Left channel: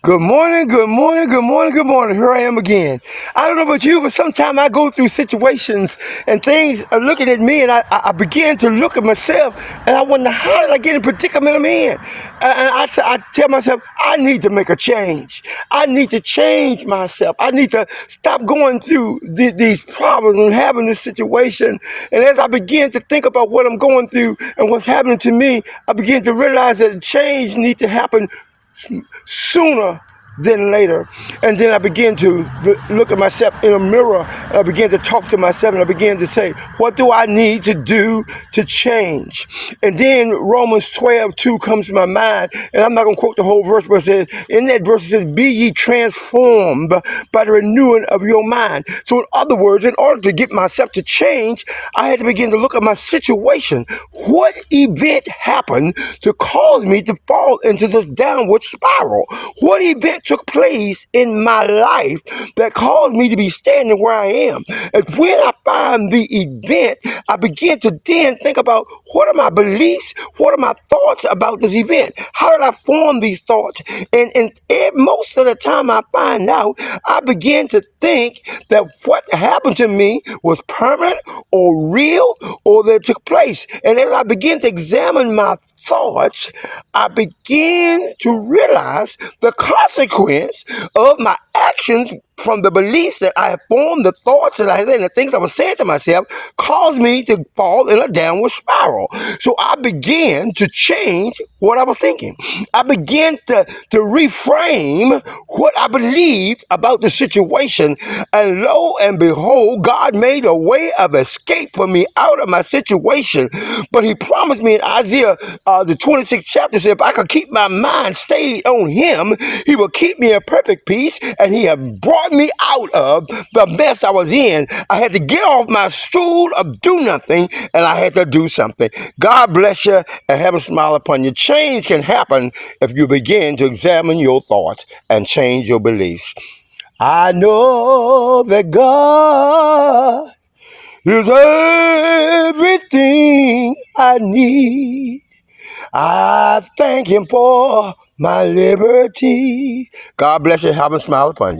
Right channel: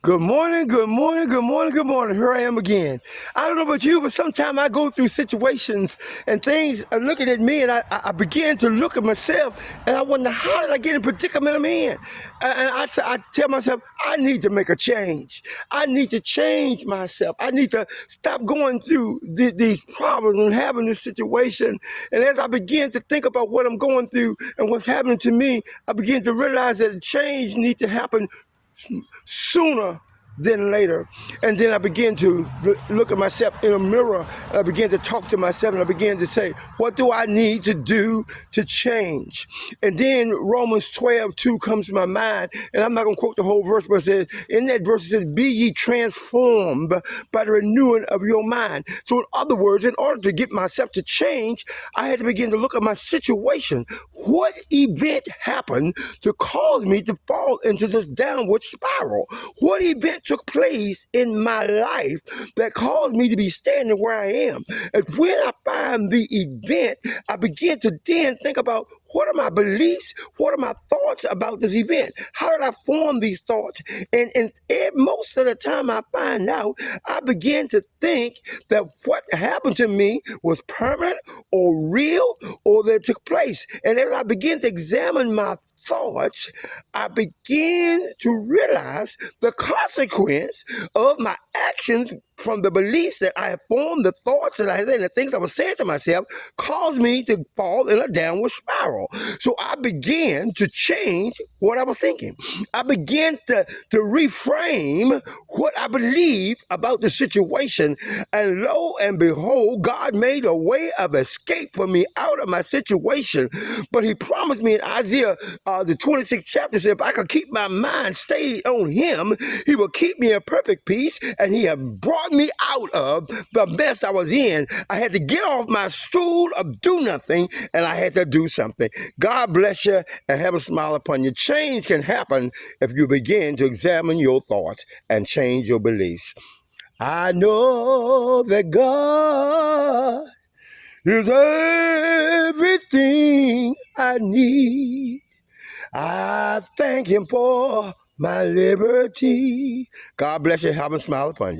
Good morning, good morning, good morning, good morning. Here I am again. I don't know about you, but sometimes I go through situations and things are looking at me, and I begin to look at myself, and I wonder, how did I get in the predicament I'm in? And I tell myself, I need to make a change. I need to change myself. I need to stop going through these problems and having this situation. And as I begin to think about what I'm going through and what's happening to me, I begin to realize that change needs to happen sooner than later. And then I began to look at myself in a mirror, and I began to talk to myself, and I began to say, what do I need to do to change? And then Romans 12:2 comes to my mind, and I'm not going to quote the whole verse, but it says, in that verse it says, be ye transformed by the renewing of your mind. So in other words, in order to get myself to change, I had to begin to look at my situation. What event happened to cause me to fall into this downward spiral? What event took place in my life that caused me to be standing where I am? And when I find the event, I begin to then think about, what are my beliefs? What are my thoughts about this event? How did I form these thoughts? And most of the time I find out, I begin to think that what happened to me was permanent or real, or that took place. And as I begin to examine my thoughts, I begin to realize the consequence of my actions from the beliefs that I have formed, the thoughts that I had, and the things I was saying to myself caused me to fall in a downward spiral. So I began to change what I was thinking. I began to reframe what I believed about the situation. And lo and behold, God made a way of escape for me out of my situation. But he promised me in Isaiah, the 26th chapter, said, if I could keep my mind stayed on him, he will keep me in perfect peace. And he has brought me out of the mess I was in. I had to get off my stool of do nothing, and I had to do something. God bless you and have a smile upon you. Change can happen if you begin to examine your thoughts and change your beliefs. I know that God is everything I need. I thank him for my liberty. God bless you. Have a smile upon you.